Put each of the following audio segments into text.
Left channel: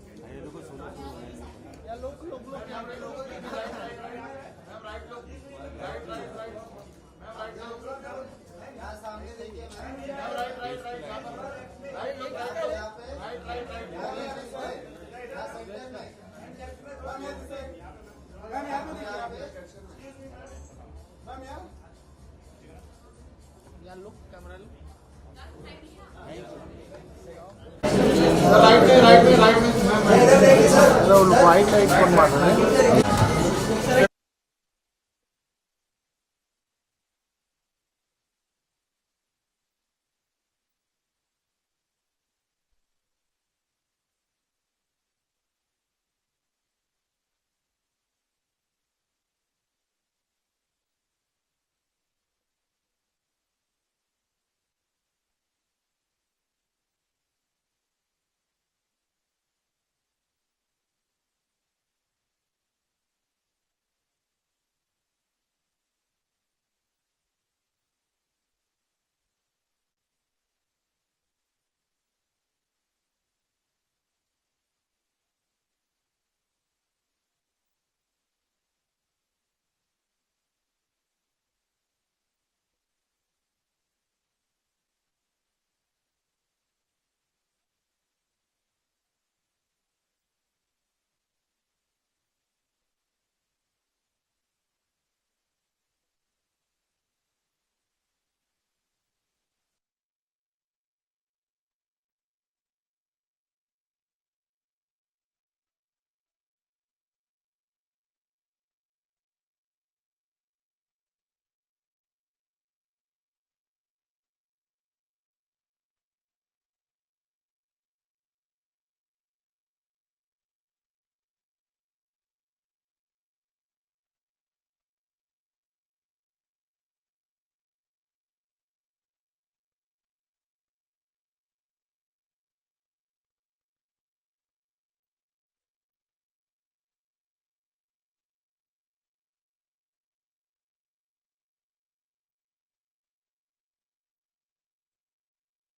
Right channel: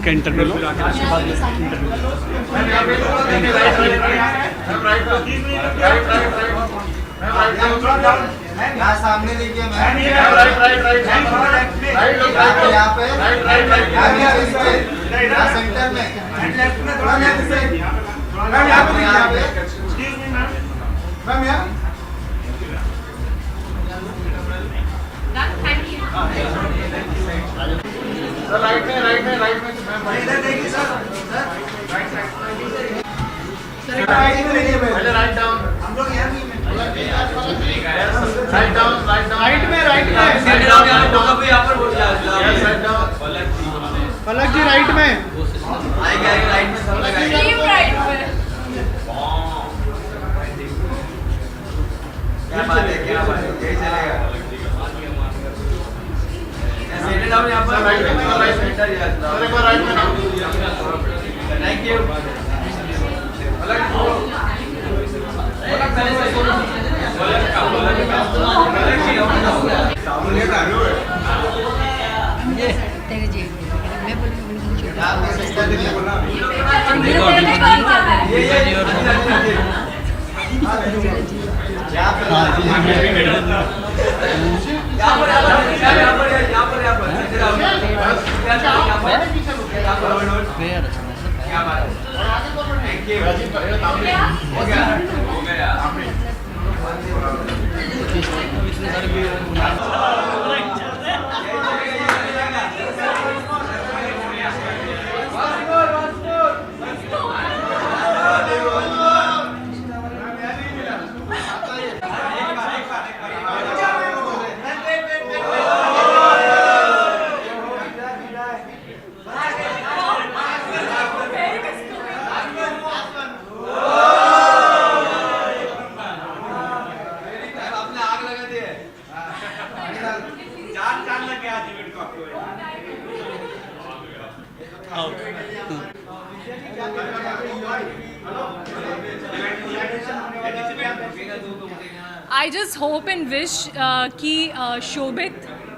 इनका इंटरव्यू लो। यहाँ सामने देखिए मैम, यहाँ पे यहाँ सेंटर में थोड़ा लेफ्ट से मैम, यहाँ पे मैम, यहाँ राइट में इधर देखिए सर, वाइट लाइट कौन मार रहा है? राइट में देखिए मैम, राइट डाउन, हम लोग यहाँ नहीं राइट डाउन राइट में यहाँ पर बोल पलक जी राइट में, राइट में सब क्या बात है यही चलेगा। सेटल डाउन यहाँ पर राइट में थैंक यू। तेरे जी मैं I just hope and wish कि शोभित,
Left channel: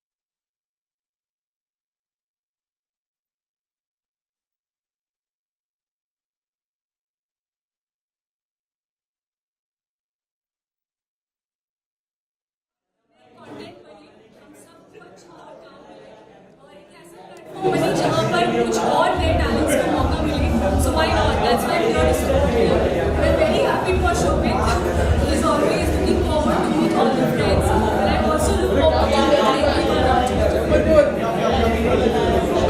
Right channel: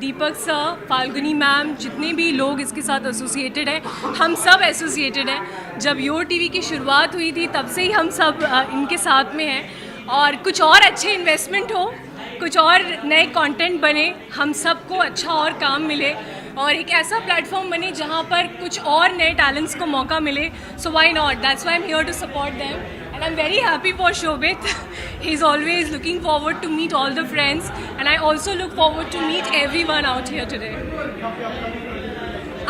दीपक सर, फाल्गुनी मैम, जितने भी लोग इसके साथ एसोसिएटेड हैं, हम सब एसोसिएटेड हैं। जब योर टीवी की शुरुआत हुई थी तब से ही हम सब इनके साथ में हैं, और कुछ और अच्छे इन्वेस्टमेंट हो, कुछ और नए कंटेंट बने, हम सबको अच्छा और काम मिले, और एक ऐसा प्लेटफॉर्म बने जहाँ पर कुछ और नए टैलेंट्स को मौका मिले। So why not, that's why I am here to support him and I am very happy for Shobhit. He is always looking forward to meet all the friends, and I also look forward to meet everyone out here today.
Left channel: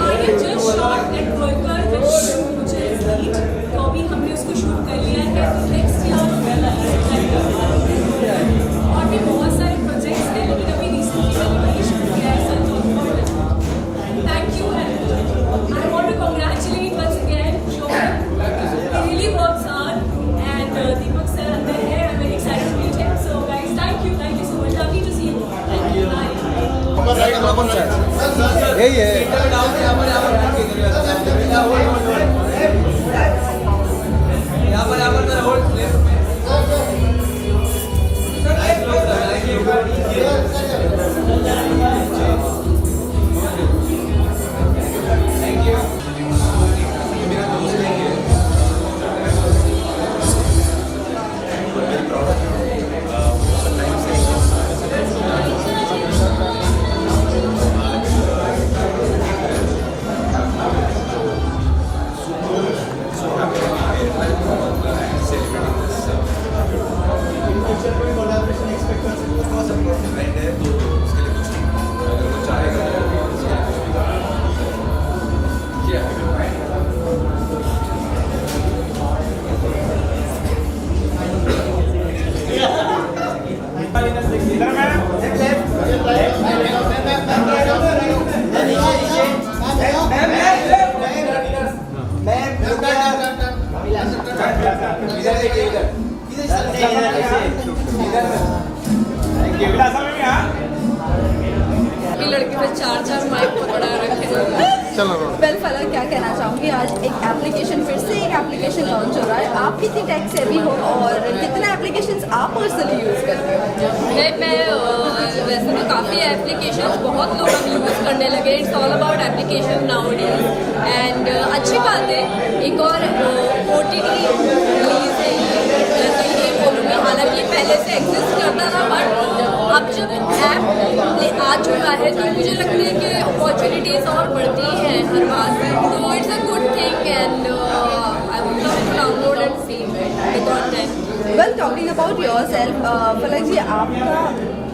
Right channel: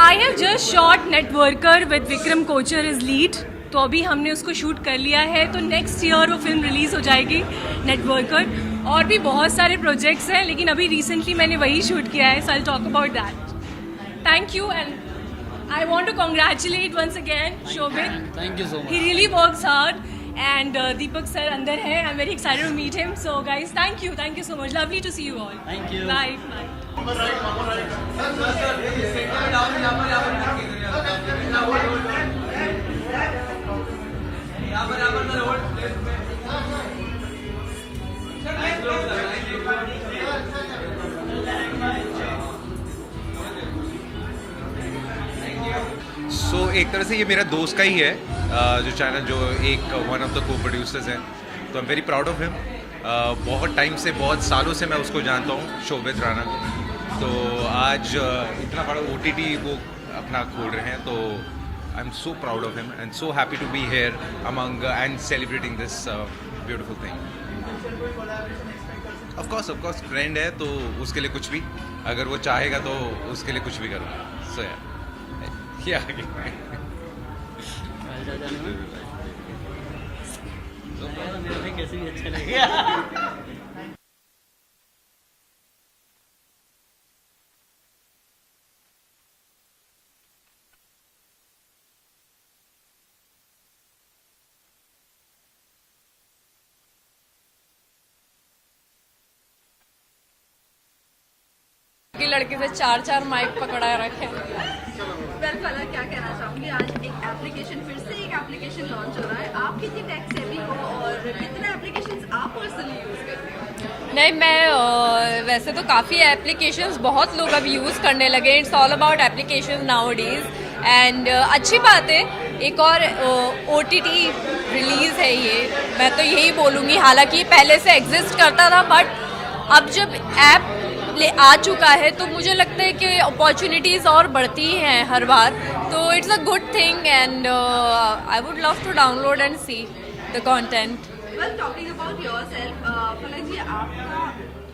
I have just shot Networker with Vikram Kochar as lead. तो अभी हमने उसको shoot कर लिया है, तो next year वो film release हो जाएगी नेटवर्कर. और भी बहुत सारे प्रोजेक्ट्स हैं, लेकिन अभी रिसेंटली मैंने वही शूट किया है, so I'll talk about that. Thank you, and I want to congratulate once again Shobhit. Thank you, sir. He really works hard, and Deepak sir अंदर है. I'm very excited to meet him. So guys, thank you so much. Lovely to see you all. Thank you. Bye. सो एक तरह से ये मेरे दोस्त का ही है, जो चैनल, जो एक वन ऑफ द को प्रोड्यूसर्स है. तो वेरी प्राउड ऑफ हिम. बहुत टाइम से, बहुत सालों से मैं उसको जानता हूँ, शोभित राणा. तो आज OTT खोल रहे हैं, तो I am so proud of him and so happy to be here among and celebrating this beautiful thing. Of course friend है, तो उसके लिए कुछ भी, अगर वो चाहेगा तो उसके लिए कुछ भी करना. लड़के में चार माइक पकड़ा रखे. चलो वेल फलक क्या कहना चाहूँगी, आज एक एप्लीकेशन, फिर से एक एप्लीकेशन लॉन्च हो रहा है। आप कितनी टेक सेवी हो और कितने एप्लीकेशंस आप पर्सनली यूज़ करते हो? मैं वैसे तो काफ़ी एप्लीकेशंस बहुत लोग अब यूज़ करने लगे। It's all about application nowadays and अच्छी बात है। एक और OTT रिलीज़ है ये, मैं तो यही बोलूँगी। हालांकि पहले से एग्जिस्ट करता था, बट अब जब ऐप आ चुका है तो मुझे लगता है कि अपॉर्चुनिटीज़ और बढ़ती हैं हर बार। तो it's a good thing and I would love to download and see the content. Well, talking about yourself, Palak ji, आपका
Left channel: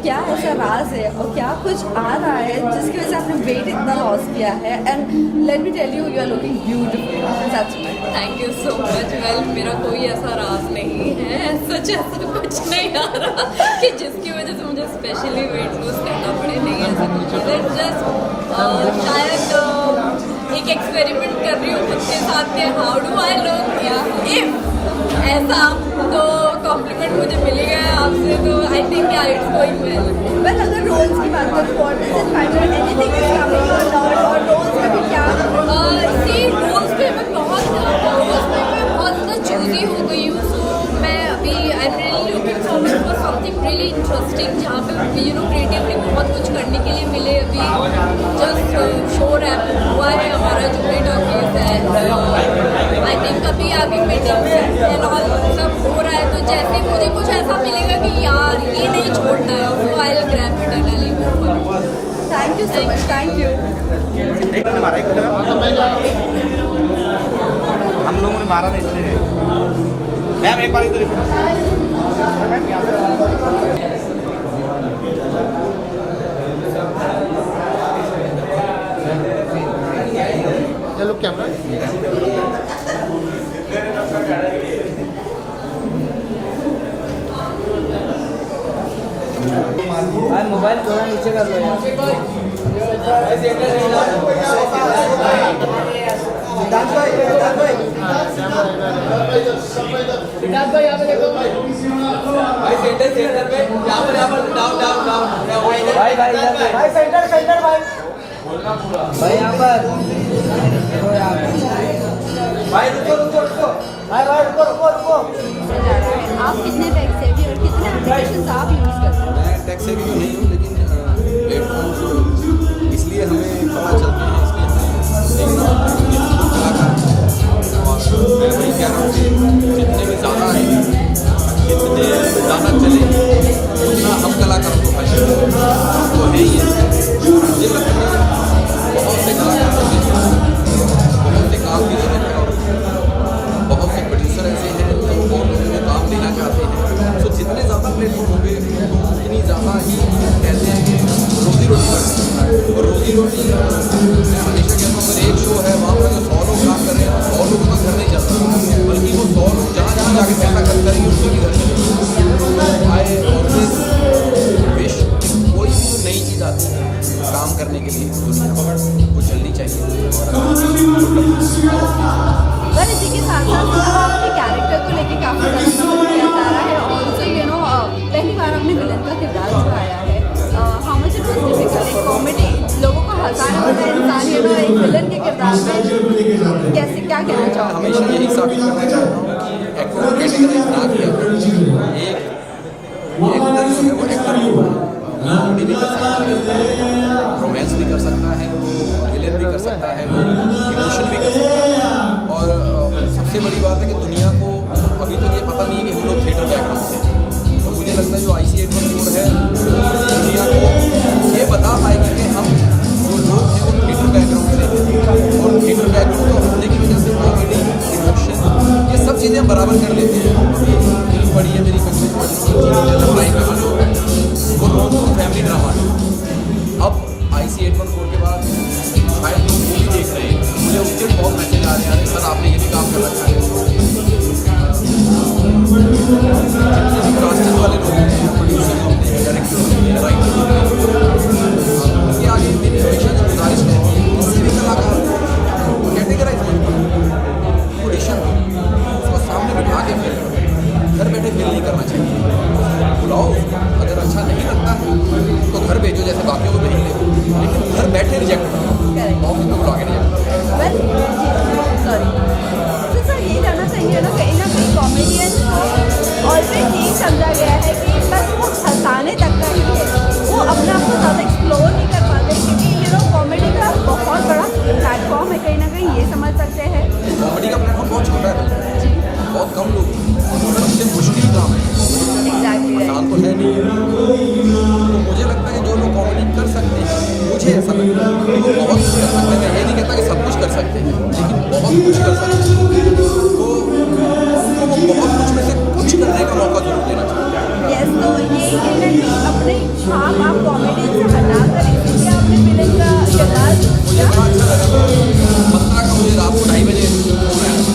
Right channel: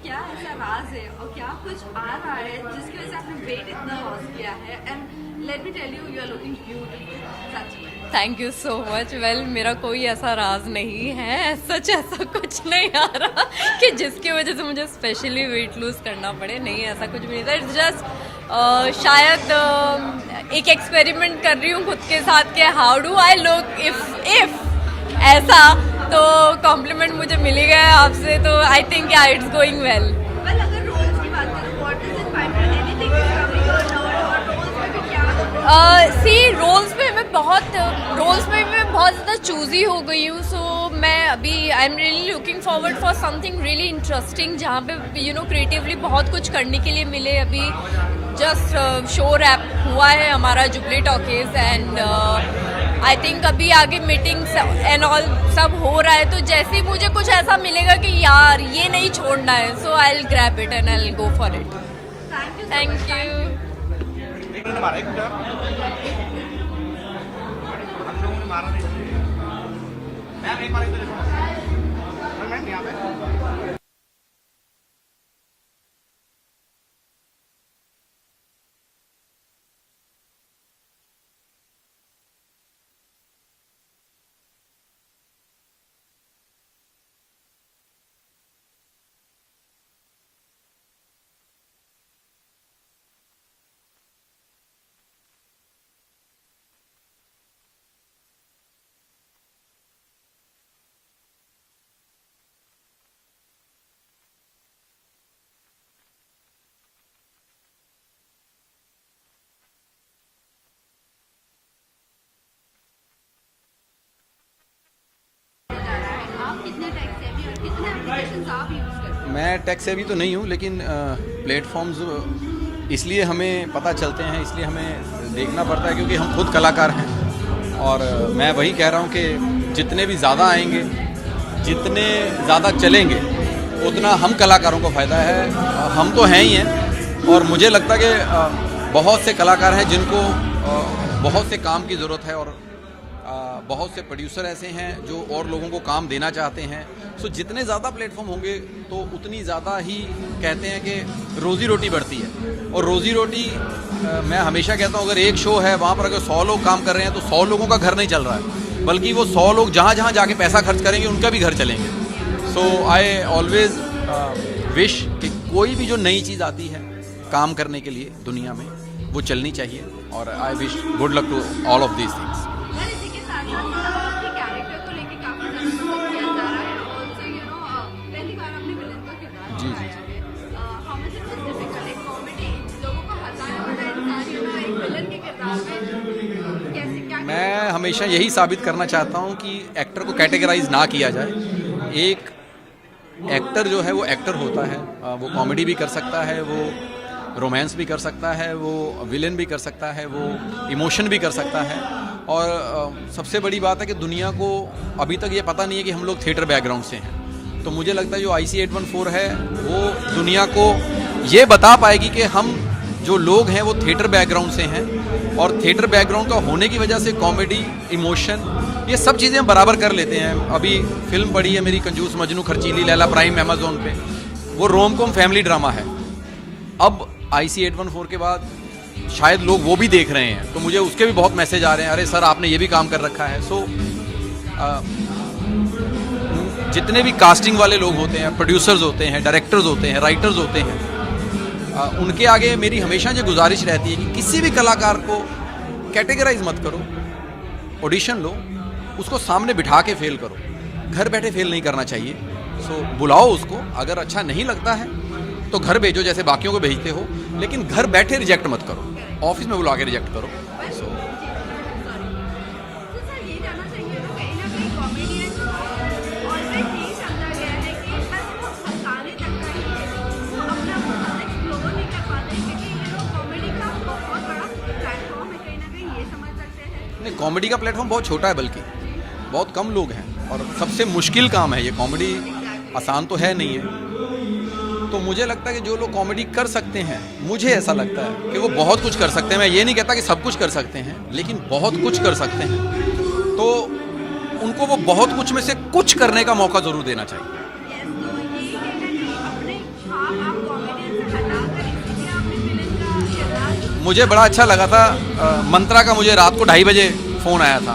क्या ऐसा राज है और क्या कुछ आ रहा है जिसकी वजह से आपने वेट इतना लॉस किया है? And let me tell you, you are looking beautiful, सच में। Thank you so much. Well, मेरा कोई ऐसा राज नहीं है, सच ऐसा कुछ नहीं आ रहा कि जिसकी वजह से मुझे स्पेशली वेट लूज करना पड़े। नहीं, ऐसा कुछ नहीं। इट्स जस्ट शायद एक एक्सपेरिमेंट कर रही हूँ खुद के साथ के how do I look if ऐसा, तो कॉम्प्लीमेंट मुझे मिल ही गया आपसे, तो आई थिंक या इट्स गोइंग वेल। बट अगर रोल्स की बात करें, what is it finally anything is coming out, और रोल्स में भी क्या? सी, रोल्स पे मैं बहुत ज़्यादा चूजी हो गई हूँ। सो मैं अभी I am really looking forward for something really interesting, जहाँ पे यू नो क्रिएटिवली बहुत कुछ करने के लिए मिले। अभी जस्ट शो रैप हुआ है हमारा jubilee talkies and I think अभी आगे मीटिंग्स एंड ऑल सब हो रहा है। तो जैसे ही मुझे कुछ ऐसा मिलेगा कि यार ये नहीं छोड़ना है, so I will grab it and I will go for it. Thank you so much, thank you. हम लोगों ने मारा नहीं इसलिए। मैम एक बार इधर चलो कैमरा। मोबाइल थोड़ा नीचे कर लो यार। सिद्धार्थ भाई यहाँ पे देखो भाई, सेंटर पे यहाँ पर डाउन भाई भाई सेंटर भाई यहाँ पर भाई रुको आप कितने टेक सेवी और कितने एप्लीकेशंस आप यूज़ करते हैं? मैं टेक सेवी तो नहीं हूँ, लेकिन प्लेटफॉर्म्स इसलिए हमें पता चलते हैं, इसलिए हमें देखना पड़ता है क्योंकि हम खुद कलाकार हैं। और मैं वही कह रहा हूँ कि जितने भी ज़्यादा आएंगे, जितने ज़्यादा चलेंगे, उतना हम कलाकारों को फ़ायदा है। हम तो हैं ही हैं, और मुझे लगता है कि बहुत से कलाकार हैं जिनको बहुत से काम की ज़रूरत है, और बहुत से प्रोड्यूसर ऐसे हैं जो और लोगों को काम देना चाहते हैं। तो जितने ज़्यादा प्लेटफॉर्म होंगे उतनी ज़्यादा ही कहते हैं कि रोज़ी रोटी बढ़ती है। और रोज़ी रोटी मैं हमेशा कहता हूँ, अगर एक शो है वहाँ पर अगर 100 लोग काम कर रहे हैं तो 100 लोगों का घर नहीं चल रहा, बल्कि वो 100 लोग जहाँ जहाँ जाके पैसा खर्च करेंगे उनका भी घर चलेंगे। तो आई ऑलवेज विश कोई भी जो नई चीज़ आती है काम करने के लिए दुनिया में, वो चलनी चाहिए। और good luck to all of this. पर इसी के साथ साथ आपके कैरेक्टर को लेके काफ़ी ज़्यादा पसंद किया जा रहा है। ऑल्सो यू नो पहली बार आपने विलन का किरदार निभाया है। How much it was difficult, एक कॉमेडी लोगों को हंसाने वाला इंसान है ना, एक विलन के किरदार में कैसे क्या कहना मैं चाहूँगा? हमेशा यही साबित करना चाहता हूँ कि एक्टर को कैटेगराइज ना किया जाए। एक एक्टर जो है वो एक्टर होता है, वो कॉमेडी भी कर सकता है, रोमांस भी कर सकता है, वो विलेन भी कर सकता है, वो इमोशन भी कर सकता है। और सबसे बड़ी बात है कि दुनिया को अभी तक ये पता नहीं है कि हम लोग थिएटर बैकग्राउंड से हैं। तो मुझे लगता है जो IC 814 है वो दुनिया को ये बता पाएगी कि हम जो लोग हैं वो थिएटर बैकग्राउंड से हैं, और थिएटर बैकग्राउंड का होने की वजह से कॉमेडी, इमोशन, ये सब चीज़ें हम बराबर कर लेते हैं। अभी फिल्म पड़ी है मेरी कंजूस मजनू खर्चीली लैला, प्राइम अमेज़न पे, वो रोम-कॉम फैमिली ड्रामा है। अब IC 814 के बाद शायद लोग वो भी देख रहे हैं, तो मुझे उसके भी बहुत मैसेज आ रहे हैं, अरे सर आपने ये भी काम कर रखा है। तो जितने भी कास्टिंग वाले लोग होते हैं, प्रोड्यूसर्स होते हैं, डायरेक्टर्स होते हैं, राइटर्स होते हैं, उनके आगे मेरी हमेशा जो गुजारिश रहती है, किसी भी कलाकार को कैटेगराइज मत करो, ऑडिशन दो, उसको सामने बिठा के फेल करो। घर बैठे फेल नहीं करना चाहिए, बुलाओ उसको, अगर अच्छा नहीं लगता है तो घर भेजो जैसे बाकियों को भेजते हो, लेकिन घर बैठे रिजेक्ट मत करो, ऑफिस में बुला के रिजेक्ट करो। वेल सॉरी तो सर ये जानना चाहिए ना कहीं कॉमेडियन ऑलरेडी यही समझा गया है कि बस वो हंसाने तक का ही है, वो अपने आप को ज़्यादा एक्सप्लोर नहीं कर पाते क्योंकि कॉमेडी का बहुत बड़ा प्लेटफॉर्म है, कहीं ना कहीं ये समझ सकते हैं। कॉमेडी का प्लेटफॉर्म बहुत छोटा है, बल्कि बहुत कम लोग हैं। सबसे मुश्किल काम है ये कॉमेडी, आसान तो है नहीं है। तो मुझे लगता है कि जो लोग कॉमेडी कर सकते हैं, मुझे ऐसा लगता है कि वो बहुत कुछ कर सकते हैं। मैं ये नहीं कहता कि सब कुछ कर सकते हैं, लेकिन बहुत कुछ कर सकते हैं। तो उनको वो बहुत कुछ में से कुछ करने का मौका जरूर देना चाहिए। यस, तो ये कहीं ना कहीं अपने छाप आप कॉमेडी से हटाकर इसीलिए आपने विलन का किरदार। मुझे बड़ा अच्छा लगा था, मंत्रा का मुझे रात को 2:30 बजे फ़ोन आया था,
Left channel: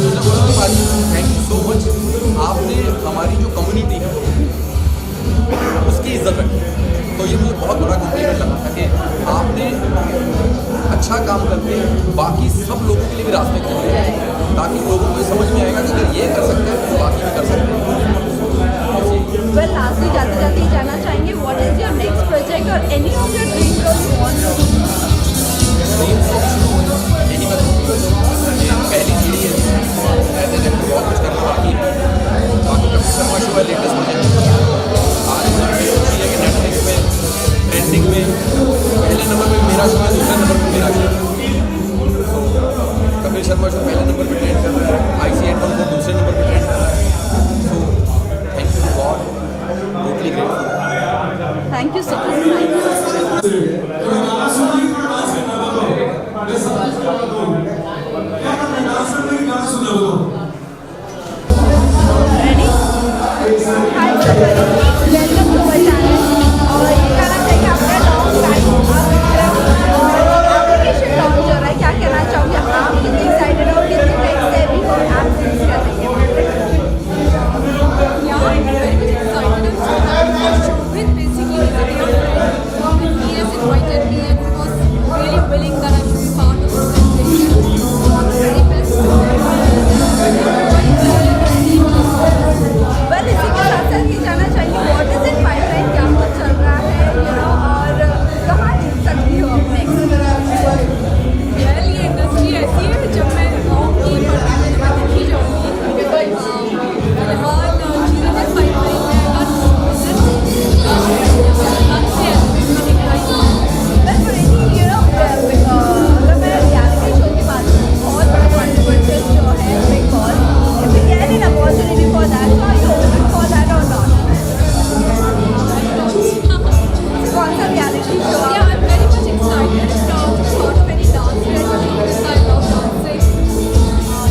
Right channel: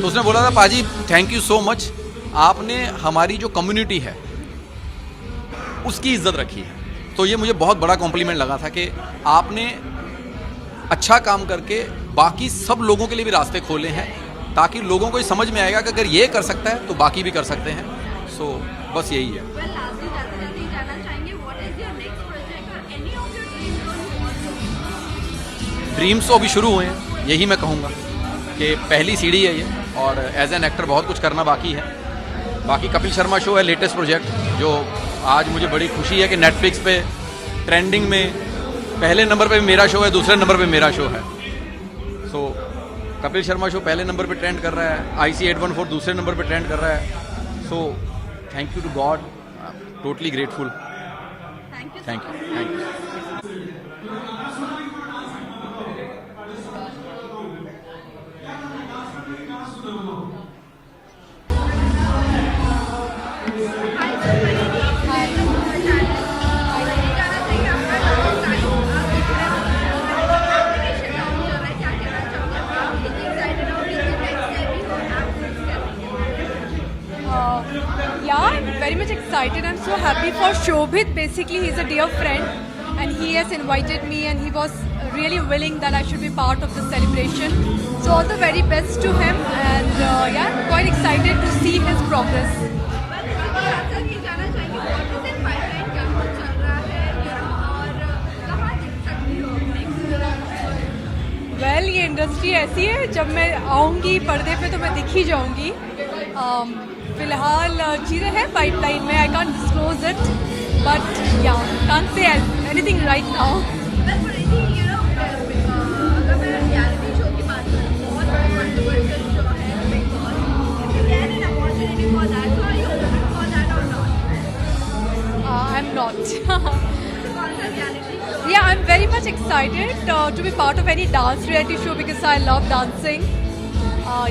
तो उसने बोला था पाजी थैंक यू सो मच, आपने हमारी जो कम्युनिटी है उसकी इज्जत रखी। तो ये मुझे बहुत बड़ा कॉम्प्लीमेंट लगा था कि आपने अच्छा काम करके बाकी सब लोगों के लिए भी रास्ते खोले हैं, ताकि लोगों को ये समझ में आएगा कि अगर ये कर सकता है तो बाकी भी कर सकते हैं। बस यही है। वेल लास्टली जाते जाते ही जानना चाहेंगे what is your next project और any of your dream role you want to do? Dreams तो अभी शुरू हुए हैं, यही मैं कहूँगा कि पहली सीढ़ी है और एज एन एक्टर बहुत कुछ करना बाकी है। बाकी कपिल शर्मा शो है लेटेस्ट प्रोजेक्ट, जो आज मुझे बड़ी खुशी है कि नेटफ्लिक्स पे ट्रेंडिंग में पहले नंबर पे मेरा शो है, दूसरे नंबर पे मेरा शो है। तो कपिल शर्मा शो पहले नंबर पे ट्रेंड कर रहा है, IC 814 दूसरे नंबर पे ट्रेंड कर रहा है। So thank you God, totally great. Thank you so much. क्या कहना चाहोगे आप? कितने एक्साइटेड हो, कितने नेक्स्ट डे भी हो आप Yeah, very much excited. I'm so happy for Shobhit. Basically, he's a dear friend, and he has invited me, and he was really willing that I should be part of the celebration. So all the very best to him, and yeah, I'm quite excited to see his progress. Well इसी के साथ साथ ही जाना चाहिए what is in pipeline, क्या कुछ चल रहा है और कहाँ जीत सकती हो नेक्स्ट? Well, ये इंडस्ट्री ऐसी है, जब मैं आऊँगी पर्दे में तो मैं दिख ही जाऊँगी। फिलहाल चीज़ें हैं पाइपलाइन में, I can't disclose it, but yeah can't say anything right now. Well अगर मैं रियलिटी शो की बात करूँ, बहुत बड़ा कंट्रोवर्शियल शो है Bigg Boss, if you get an opportunity for that, are you open for that or not? कौन सा reality show? Yeah, I'm very much excited to be part of any dance reality show because I love dancing.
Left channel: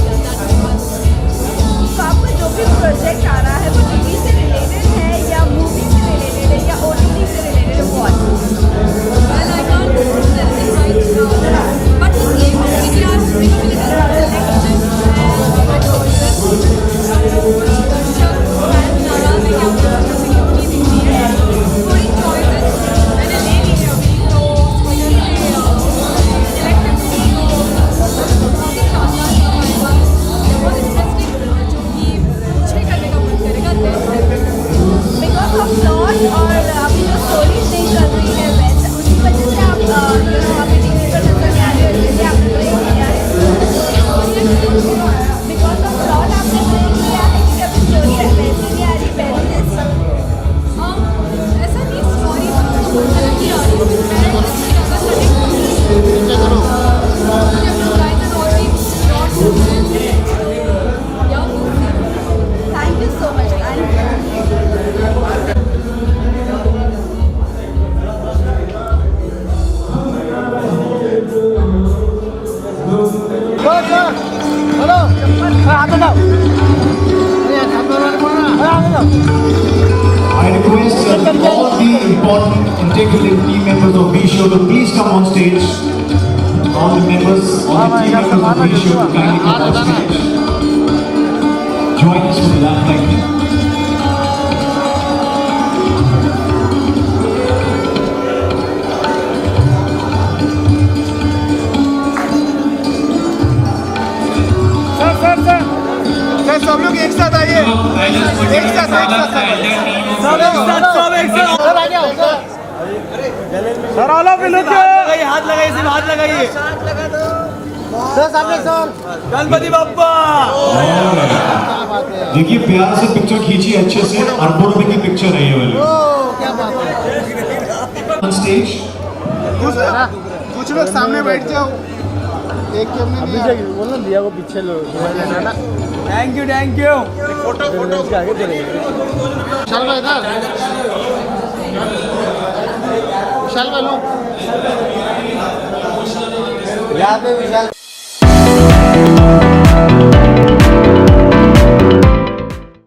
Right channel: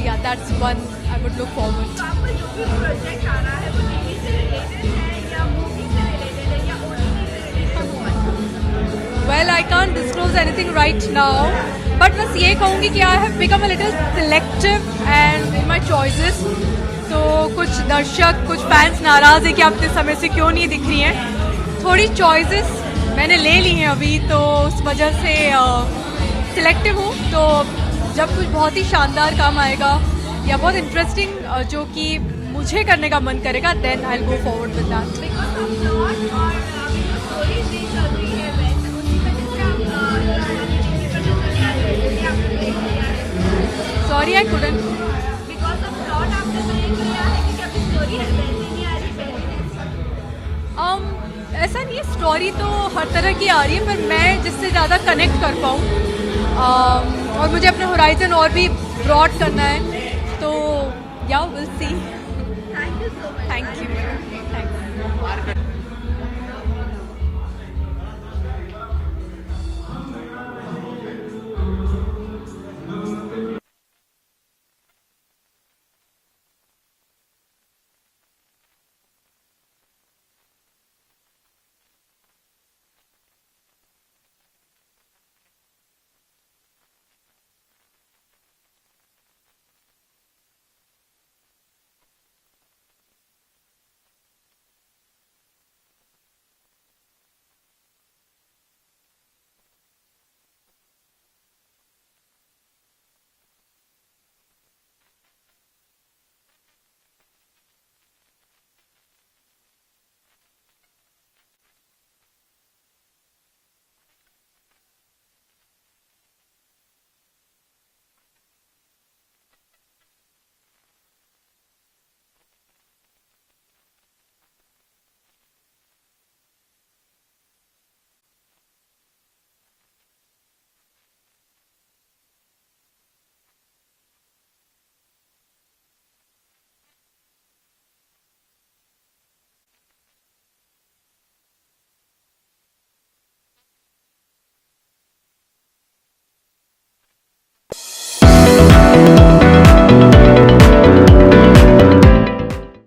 Yeah, that's one I would look forward to. तो आपका जो भी project आ रहा है वो TV से रिलेटेड है या मूवी से रिलेटेड है या OTT से रिलेटेड है? what? Well, I can't disclose anything right now, but बस ये कहूँगी कि I have become a little selective and in my choices. So कुछ दर्शक, कुछ फैंस नाराज़ है कि आप जिस समय से क्यों नहीं दिख रही हैं। थोड़ी चॉइसेस मैंने ले ली हैं अभी, तो उस वजह से सिलेक्टिव हूँ। तो जब कोई बहुत ही शानदार काम आएगा या बहुत इंटरेस्टिंग जो कि मुझे करने का मन करेगा, then I will go forward with that. Because of plot और आपकी जो स्टोरी नहीं चल रही है वैसे, उसी वजह से आप अभी टीवी पर नजर नहीं आ रहे हैं, इसलिए आपने ब्रेक लिया है। Sorry I couldn't. Because of plot आपने ब्रेक लिया है कि अभी स्टोरी वैसी नहीं आ रही पहले जैसी? ऐसा नहीं, स्टोरी तो हर तरह की आ रही है, पर मैं जिससे ज़्यादा कनेक्ट कर पाऊँ और मुझे अपने होराइजन और भी ब्रॉड करना है, तो या will see. Thank you so much. I request all the important integral team members of B Show to please come on stage. All the members, all the team members of B Show to kindly come on stage. Join us for the laugh lightning. Sir सब लोग एक साथ आइए, एक साथ sir all of हाथ लगाइए, सिर्फ हाथ लगाइए। गणपति बप्पा। देखिए प्यार से पिक्चर खींची अच्छे से, अरबों रुपए की पिक्चर है ये वाली। क्या बात है। ऑन स्टेज कुछ लोग सामने बैठ जाओ। एक बोलना दिया को पीछे लो। Thank you thank you. Photo photo आगे चलेंगे। विशाल भाई इधर। विशाल भाई लो। यहाँ पे विशाल।